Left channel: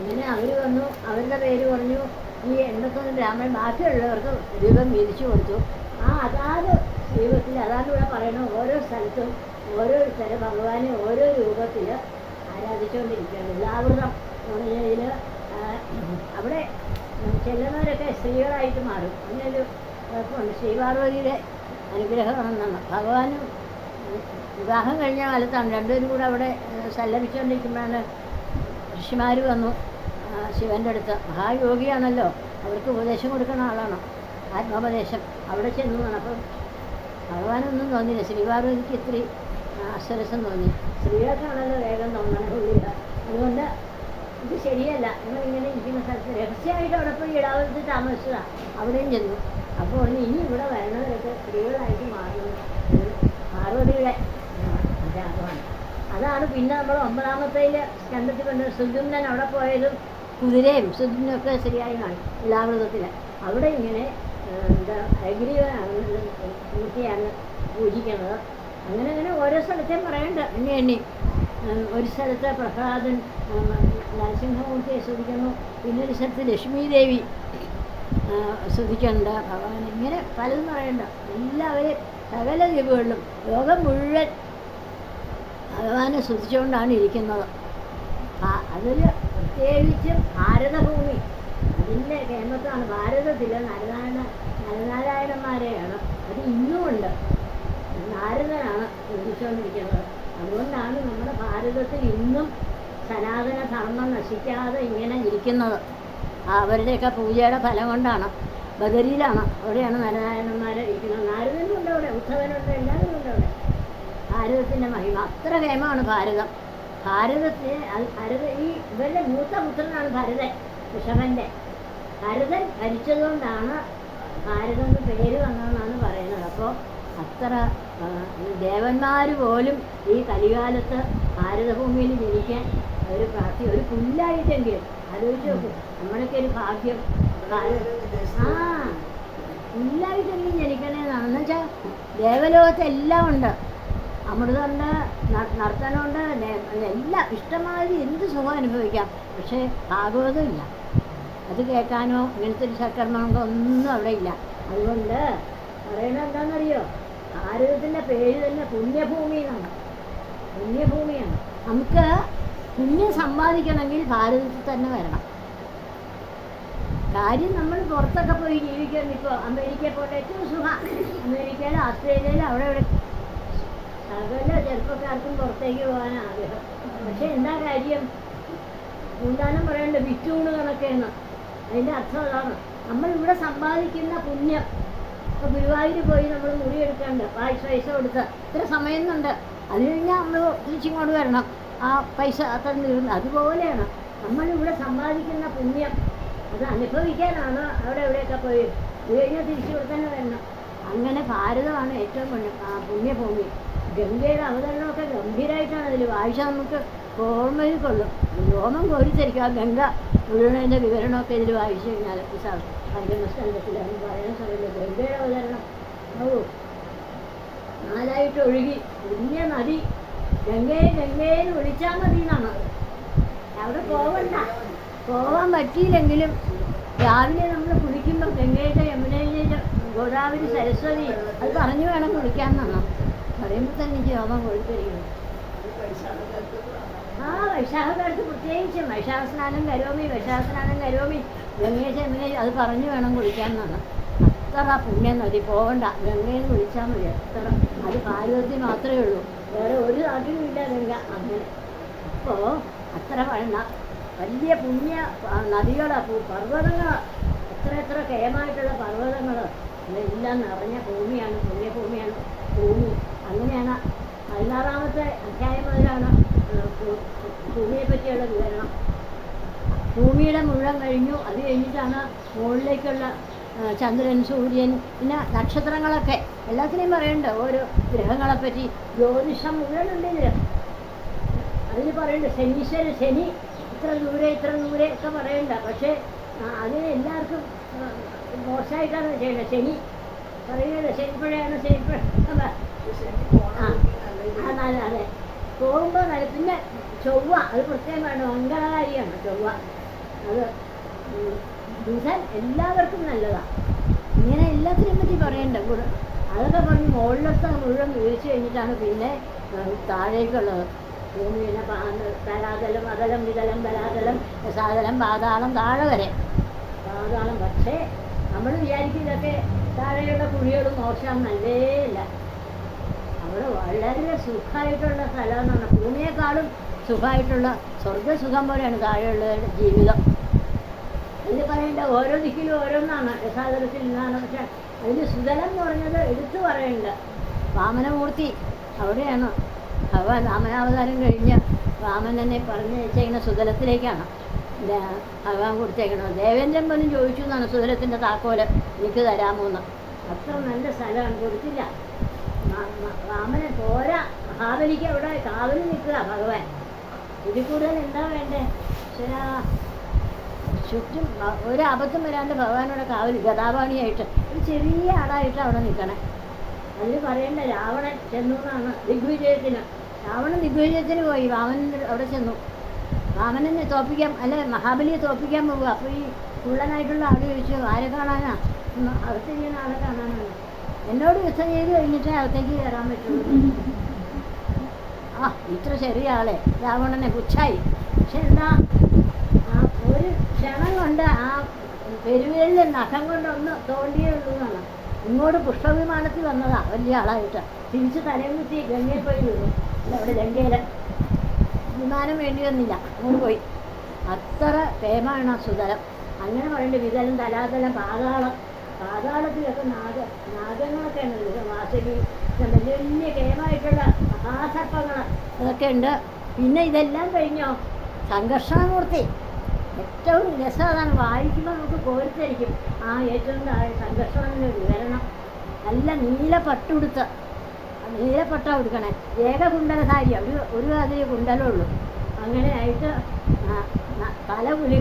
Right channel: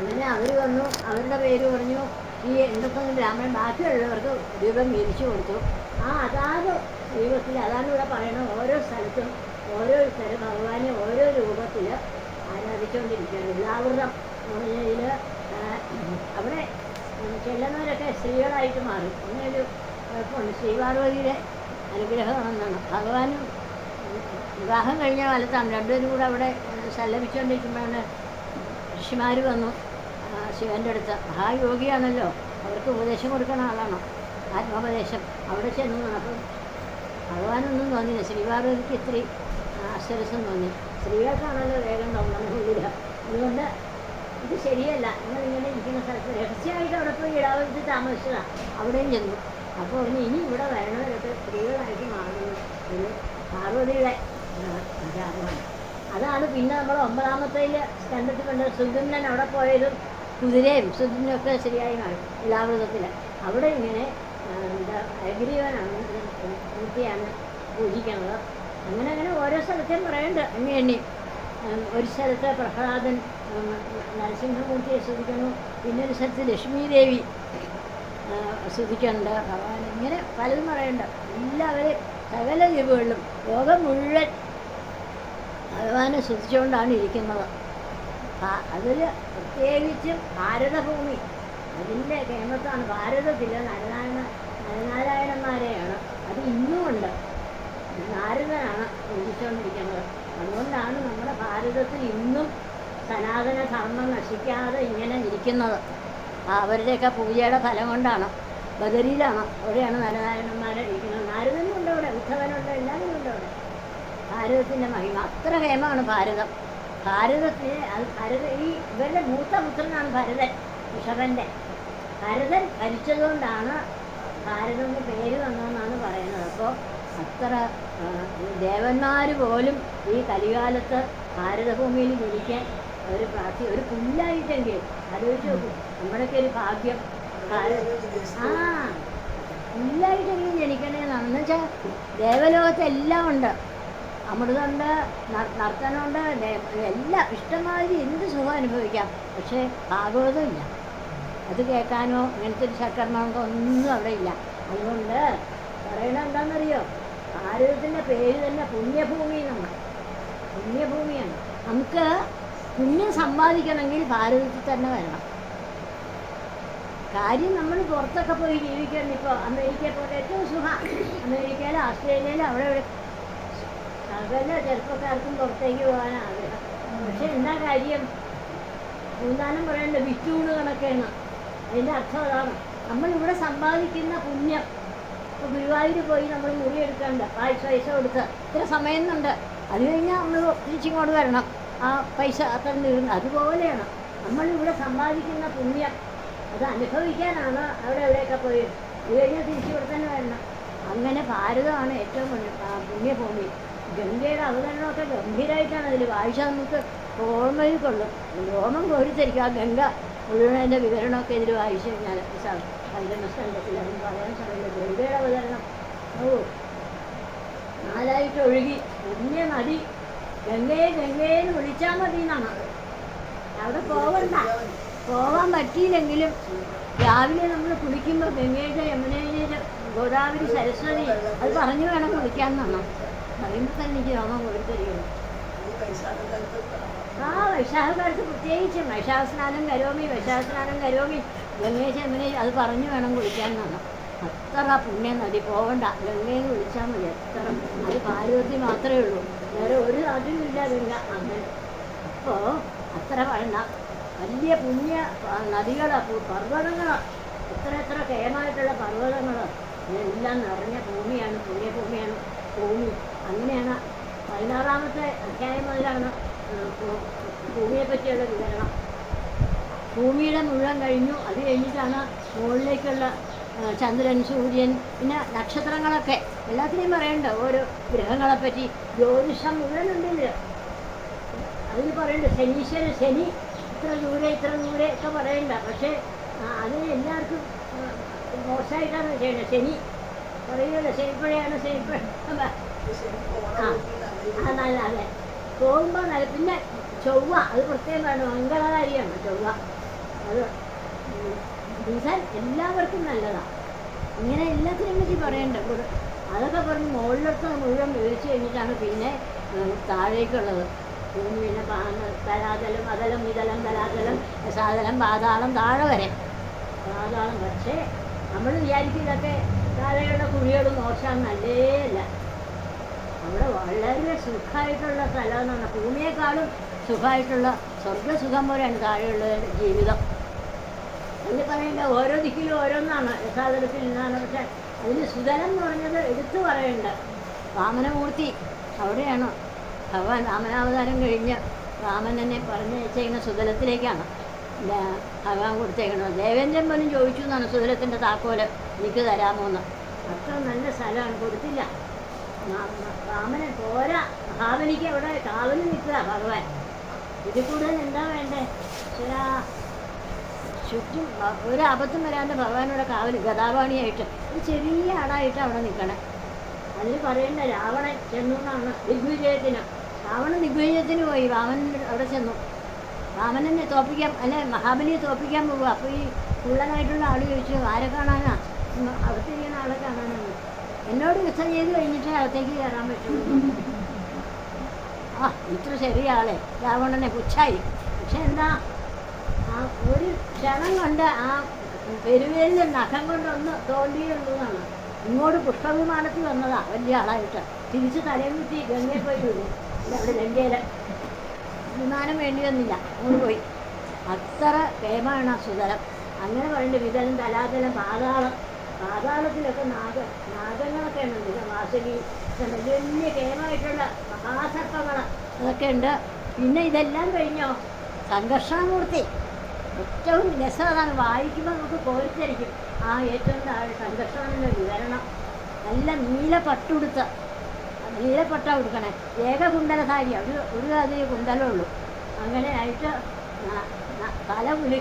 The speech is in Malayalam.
അങ്ങനെ അവർ വന്നു അവരുടെ പേര് പറഞ്ഞു ഈ എന്തൊക്കെ ബ്രാഹ്മണൻ ബാക്കിയുള്ളവർക്ക് രൂപം വീതിച്ചു കൊടുത്തു. ആ അതാത് ദൈവത്തിൽ അതാണ് ഇവിടെ പറയണത്. ഓരോ സ്ഥലത്തും ഓരോരുത്തരെ ഭഗവാനെ ഓരോ രൂപത്തിൽ ആരാധിച്ചുകൊണ്ടിരിക്കുകയാണ്. എല്ലാവൃതം ഇതിൽ അവിടെ ചെല്ലുന്നവരൊക്കെ സ്ത്രീകളായിട്ട് മാറും. അങ്ങനെയൊരു കുഴപ്പമുണ്ട്. ശ്രീപാർവതിയുടെ അനുഗ്രഹമാണെന്നാണ്. ഭഗവാനും വിവാഹം കഴിഞ്ഞ കാലത്താണ്. രണ്ടുപേരും കൂടെ അവിടെ സല്ലപിച്ചുകൊണ്ടിരിക്കുമ്പോഴാണ് ഋഷിമാർ വന്നു. ശിവന്റെ അടുത്ത്. മഹായോഗിയാണല്ലോ. അവർക്ക് ഉപദേശം കൊടുക്കുന്ന ആളാണോ. ആത്മോപദേശം. അവിടെ ചെന്ന് അപ്പം ഭഗവാനൊന്നും തോന്നിയില്ല. ശ്രീപാർവതിക്ക് ഇത്തിരി അശ്വരസം തോന്നി. സ്ത്രീകൾക്കാണല്ലോ വേഗം തോന്നുന്നില്ല അതുകൊണ്ട് ഇത് ശരിയല്ല. നിങ്ങൾ ഇങ്ങനെ ഇരിക്കുന്ന സ്ഥലത്ത് രഹസ്യമായിട്ട് അവിടെ പോയി ഇടാവരുത് താമസിച്ചതാണ് അവിടെയും ചെന്നു. അപ്പോൾ പറഞ്ഞു ഇനി ഇവിടെ വരണവരൊക്കെ സ്ത്രീകളായിട്ട് മാറുന്നു ഒരു പാർവതിയുടെ ആഗ്രഹമാണ് അതാണ് പിന്നെ നമ്മൾ ഒമ്പതാമത്തേൽ സ്കന്ധത്തിൽ കൊണ്ട് സുഗുന്നൻ അവിടെ പോയതും കുതിരയും സുദുനും ഒക്കെ ശരിയായി എല്ലാ അവിടെ ഇങ്ങനെ എന്താ അഗ്രീവനാണ് നിത്യാണ് പൂജിക്കുന്നത്. അങ്ങനെ അങ്ങനെ ഓരോ സ്ഥലത്തും പറയണ്ട എണ്ണി. എണ്ണി ഒരു സ്ഥലത്ത് പ്രഹ്ലാദൻ നരസിംഹമൂർത്തിയെ ശ്രദ്ധിക്കുന്നു പിന്നൊരു സ്ഥലത്ത് ലക്ഷ്മി ദേവി ആ, ഭഗവാൻ ഇങ്ങനെ പലതും പറയണ്ട. എല്ലാവരും സകല ദ്വീപുകളിലും ലോകം മുഴുവൻ ഭഗവാനെ ശ്രദ്ധിച്ചുകൊണ്ടാണ് ഇരിക്കുന്നത്. അതൊരു പ്രത്യേകിച്ചും ഭാരതഭൂമി. ഇതിന്റെ ഫേമസാണ് ഭാരതത്തിലെ നരനാരായണ നരനാരായണന്മാരെയാണ്. അത് ഇന്നും ഉണ്ട്. നാരദനാണ് പൂജിച്ചുകൊണ്ടിരിക്കുന്നത് അതുകൊണ്ടാണ് നമ്മുടെ ഭാരതത്തിൽ ഇന്നും സനാതന ധർമ്മം നശിക്കാതെ ഇങ്ങനെ ഇരിക്കുന്നത്. അവരുടെയൊക്കെ പൂജയുടെ ഫലം കൊണ്ടാണ്. ബദരിയിലാണ്. അവിടെയാണ് നരനാരായണന്മാരെ ഇരിക്കുന്നത്. നാരദനും ഉണ്ട് അവിടെ. ഉദ്ധവനുണ്ട് എല്ലാവരും ഉണ്ട് അവിടെ. ഭാരതത്തിന്റെ മഹിമ. അത്ര കേമാണ് ഭാരതം. ഭാരതത്തിലെ അത് ഭരത ഈ ഇവരുടെ മൂത്ത പുത്രനാണ് ഭരതൻ ഋഷഭന്റെ ഭരതൻ ഭരിച്ചതുകൊണ്ടാണ് ഭാരതം പേര് വന്നതെന്നാണ് പറയുന്നത്. അപ്പോൾ അത്ര ദേവന്മാർ പോലും ഈ കലികാലത്ത് ഭാരതഭൂമിയിൽ ജനിക്കാൻ ഒരു പ്രാർത്ഥി ഒരു പുല്ലായിട്ടെങ്കിലും. ആലോചിച്ച് നോക്കും നമ്മുടെയൊക്കെ ഒരു ഭാഗ്യം. ആ പുല്ലായിട്ടെങ്കിലും ജനിക്കണേന്നാണ്. എന്നുവെച്ചാൽ ദേവലോകത്ത് എല്ലാം ഉണ്ട്. അമൃതമുണ്ട് നർത്തനമുണ്ട് എല്ലാം ഇഷ്ടമാതിരി എന്ത് സുഖം അനുഭവിക്കാം. പക്ഷേ ഭാഗവതം ഇല്ല. അത് കേൾക്കാനോ ഇങ്ങനത്തെ ഒരു സൽക്കർമ്മമുണ്ടോ ഒന്നും അവിടെ ഇല്ല. അതുകൊണ്ട് പറയണത് എന്താണെന്നറിയോ? ഭാരതത്തിന്റെ പേര് തന്നെ പുണ്യഭൂമിയാണ്. പുണ്യഭൂമിയാണ്. നമുക്ക് പുണ്യം സമ്പാദിക്കണമെങ്കിൽ ഭാരതത്തിൽ തന്നെ വരണം. കാര്യം നമ്മൾ പുറത്തൊക്കെ പോയി ജീവിക്കാൻ ഇപ്പോൾ അമേരിക്കയിൽ പോയിട്ട് ഏറ്റവും സുഖം. അമേരിക്കയിൽ ഓസ്ട്രേലിയയിൽ അവിടെ ഇവിടെ സകല ചെറുപ്പക്കാർക്കും പുറത്തേക്ക് പോകാൻ ആഗ്രഹം. പക്ഷെ എന്താ കാര്യം? പൂന്താനം പറയേണ്ട വിറ്റൂണ് കണക്കാണ് അതിന്റെ അർത്ഥം അതാണ്. നമ്മൾ ഇവിടെ സമ്പാദിക്കുന്ന പുണ്യം. ഇപ്പോൾ ഗുരുവായൂർ പോയി നമ്മൾ മുറി മുറിയെടുക്കാണ്ട് പൈസ പൈസ കൊടുത്ത് ഇത്ര സമയം ഉണ്ട് അത് കഴിഞ്ഞാൽ നമ്മൾ തിരിച്ചിങ്ങോട്ട് വരണം. ആ പൈസ അത്ര തീർന്നു അതുപോലെയാണ് നമ്മൾ ഇവിടെ സമ്പാദിക്കുന്ന പുണ്യം. അത് അനുഭവിക്കാനാണ് അവിടെ എവിടെയൊക്കെ പോയി. ഇത് കഴിഞ്ഞാൽ തിരിച്ചു ഇവിടെ തന്നെ വരണം. അങ്ങനെ ഭാരതമാണ് ഏറ്റവും പുണ്യ ഗംഗയുടെ അവതരണമൊക്കെ ഗംഭീരമായിട്ടാണ് അതിൽ വായിച്ചാൽ നമുക്ക് ഓർമ്മയിൽ കൊള്ളും. രോമം കോരിത്തരിക്കും ആ ഗംഗ മുഴുവനതിന്റെ വിവരണമൊക്കെ ഇതിൽ വായിച്ചു കഴിഞ്ഞാൽ പഞ്ചമസ്കന്ധത്തിൽ അന്ന് പറയാൻ സമയത്ത് ഗംഗയുടെ അവതരണം. ഓ നാലായിട്ട് ഒഴുകി വലിയ നദി. ഗംഗയെ ഗംഗയെന്ന് വിളിച്ചാൽ മതി എന്നാണ് അവിടെ പോവണ്ട. പോവാൻ പറ്റിയില്ലെങ്കിലും രാവിലെ നമ്മൾ കുളിക്കുമ്പോൾ ഗംഗയുടെ യമുനയിലെ ഗോദാവരി സരസ്വതി അത് പറഞ്ഞു വേണം കുളിക്കാമെന്നാണ് പറയുമ്പോൾ തന്നെ എനിക്ക് രോമം കൊടുത്തിരിക്കുന്നു ആ വൈശാഖകാലത്ത് പ്രത്യേകിച്ചും വൈശാഖ സ്നാനം കരോമി വൈശാഖ സ്നാനം കരോമി ഗംഗേശ എങ്ങനെ അത് പറഞ്ഞു വേണം കുളിക്കാൻ വന്നു അത്ര പുണ്യം നദി പോകണ്ട ഗംഗയിൽ കുളിച്ചാൽ മതി അത്ര. അത് ഭാരതത്തിൽ മാത്രമേ ഉള്ളൂ. വേറെ ഒരു നാട്ടിലും ഇല്ല ഗംഗ അങ്ങനെ. അപ്പോൾ അത്ര വേണ്ട. വലിയ പുണ്യ നദികളാണ് പർവതങ്ങളാണ് എത്ര എത്ര കേമായിട്ടുള്ള പർവതങ്ങൾ എല്ലാം നിറഞ്ഞ ഭൂമിയാണ് പുണ്യഭൂമിയാണ്. ഭൂമി അങ്ങനെയാണ്. പതിനാറാമത്തെ അധ്യായം മുതലാണ് ഭൂമിയെ പറ്റിയുള്ള വിവരണം. ഭൂമിയുടെ മുഴുവൻ കഴിഞ്ഞു. അത് കഴിഞ്ഞിട്ടാണ് മുകളിലേക്കുള്ള ചന്ദ്രൻ സൂര്യൻ പിന്നെ നക്ഷത്രങ്ങളൊക്കെ. എല്ലാത്തിനെയും പറയണ്ട. ഓരോ ഗ്രഹങ്ങളെ പറ്റി ജ്യോതിഷം മുഴുവനുണ്ട് ഇതിൽ അതിൽ പറയണ്ട. ശനീശ്വര ശനി ഇത്ര ദൂരെ ഇത്ര ദൂരെ ഒക്കെ പറയണ്ട. പക്ഷേ അത് എല്ലാവർക്കും മോശമായിട്ടാണ് ചെയ്യേണ്ടത്. ശനി പറയുന്നത് ശനിപ്പഴയാണ് ശനിപ്പഴ നല്ല അതെ പോകുമ്പോൾ നല്ല പിന്നെ ചൊവ്വ അത് പ്രത്യേകം വേണം മംഗളകാരിയാണ് ചൊവ്വ അത് ഉം, എല്ലാവർക്കും നല്ലതാണ് ഇങ്ങനെ എല്ലാത്തിനും പറ്റി പറയണ്ട കൂടെ അതൊക്കെ പറഞ്ഞ് മുകളിലത്തെ മുഴുവൻ വിളിച്ചു കഴിഞ്ഞിട്ടാണ് പിന്നെ താഴേക്കുള്ളത് പിന്നെ തലാതലം അതലം വിതലം തലാതലം സാതലം പാതാളം താഴെ വരെ പാതാളം പക്ഷേ നമ്മൾ വിചാരിക്കും ഇതൊക്കെ താഴെയുള്ള കുഴികളും മോശം നല്ലേ അവിടെ വളരെ സുഖമായിട്ടുള്ള സ്ഥലം എന്ന് പറഞ്ഞാൽ ഭൂമിയെക്കാളും സുഖമായിട്ടുള്ള സ്വർഗസുഖം പോലെയാണ് താഴെയുള്ള ജീവിതം. അതിൽ പറയേണ്ട ഓരോ ദിക്കിലും ഓരോന്നാണ്. യഥാതലത്തിൽ നിന്നാണ് പക്ഷെ അതിന് സുതലം എന്ന് പറഞ്ഞത് എടുത്തു പറയേണ്ട. വാമനമൂർത്തി അവിടെയാണ്. ഭഗവാൻ രാമനാവതാരം കഴിഞ്ഞ് രാമൻ തന്നെ പറഞ്ഞയച്ചേക്കുന്ന സുതലത്തിലേക്കാണ്. എന്താ ഭഗവാൻ കൊടുത്തേക്കുന്നത്. ദേവേന്ദ്രൻ പോലും ചോദിച്ചു എന്നാണ് സുതലത്തിന്റെ താക്കോൽ. എനിക്ക് തരാമോ എന്ന് അത്ര നല്ല സ്ഥലമാണ്. കൊടുത്തില്ല. രാമനെ പോരാ. മഹാബലിക്ക് അവിടെ കാവലിൽ നിൽക്കുക ഭഗവാൻ. ഇതിൽ കൂടുതൽ എന്താ വേണ്ടേ? ശരാ. ചുറ്റും ഒരു അബദ്ധം വരാണ്ട് ഭഗവാനോടെ കാവൽ ഗതാപാണിയായിട്ട് ഒരു ചെറിയ ആടായിട്ട് അവിടെ നിൽക്കണേ. അതിന് പറയേണ്ട രാവണൻ ചെന്നു എന്നാണ് ദിഗ്വിജയത്തിന്. രാവണൻ ദിഗ്വിജയത്തിന് പോയി. വാമനൻ അവിടെ ചെന്നു. വാമനെ തോപ്പിക്കാൻ അല്ലെ മഹാബലിയെ തോപ്പിക്കാൻ പോകുക അപ്പോൾ ഈ കുള്ളനായിട്ടുള്ള ആൾ ചോദിച്ചു ആരെ കാണാനാ? അകത്തിരിക്കുന്ന ആളെ കാണാനാണ്. എന്നോട് യുദ്ധം ചെയ്ത് കഴിഞ്ഞിട്ടേ അകത്തേക്ക് കയറാൻ പറ്റുള്ളൂ. ആ ഇത്ര ചെറിയ ആളെ. രാവണനെ പുച്ഛായി. പക്ഷെ എന്താ ആ ഒരു ക്ഷണം കൊണ്ട് ആ പെരുവേലിന്റെ നഖം കൊണ്ടൊന്ന് തോണ്ടിയുള്ളൂ എന്നാണ് ഇങ്ങോട്ട് പുഷ്പവിമാനത്തിൽ വന്നതാ വലിയ ആളായിട്ട്. തിരിച്ച് തലയും കുത്തി ഗംഗയിൽ പോയി വീഴും അല്ല അവിടെ ഗംഗയിൽ വിമാനം വേണ്ടി വന്നില്ല. അങ്ങോട്ട് പോയി. അത്ര കേമാണ് ആ സുതലം. അങ്ങനെ പറയുന്നുണ്ട് വിതലം തലാതലം പാതാളം പാതാളത്തിലൊക്കെ നാഗ നാഗങ്ങളൊക്കെ ഉണ്ട് വാസവി വലിയ കേമായിട്ടുള്ള മഹാസർപ്പങ്ങൾ അതൊക്കെ ഉണ്ട്. പിന്നെ ഇതെല്ലാം കഴിഞ്ഞോ? സംഘർഷാമൂർത്തി ഏറ്റവും രസമാണ്. വായിക്കുമ്പോൾ നമുക്ക് കോരിത്തരിക്കും ആ ഏറ്റവും താഴെ സംഘർഷമെന്ന വിവരണം. നല്ല നീല പട്ടുടുത്ത് നീലപ്പട്ട കൊടുക്കണേ ഏകകുണ്ടലധാരി. ഒരു ഒരു അതിൽ കുണ്ടലേ ഉള്ളൂ. അങ്ങനെ ആയിട്ട് തല കുലി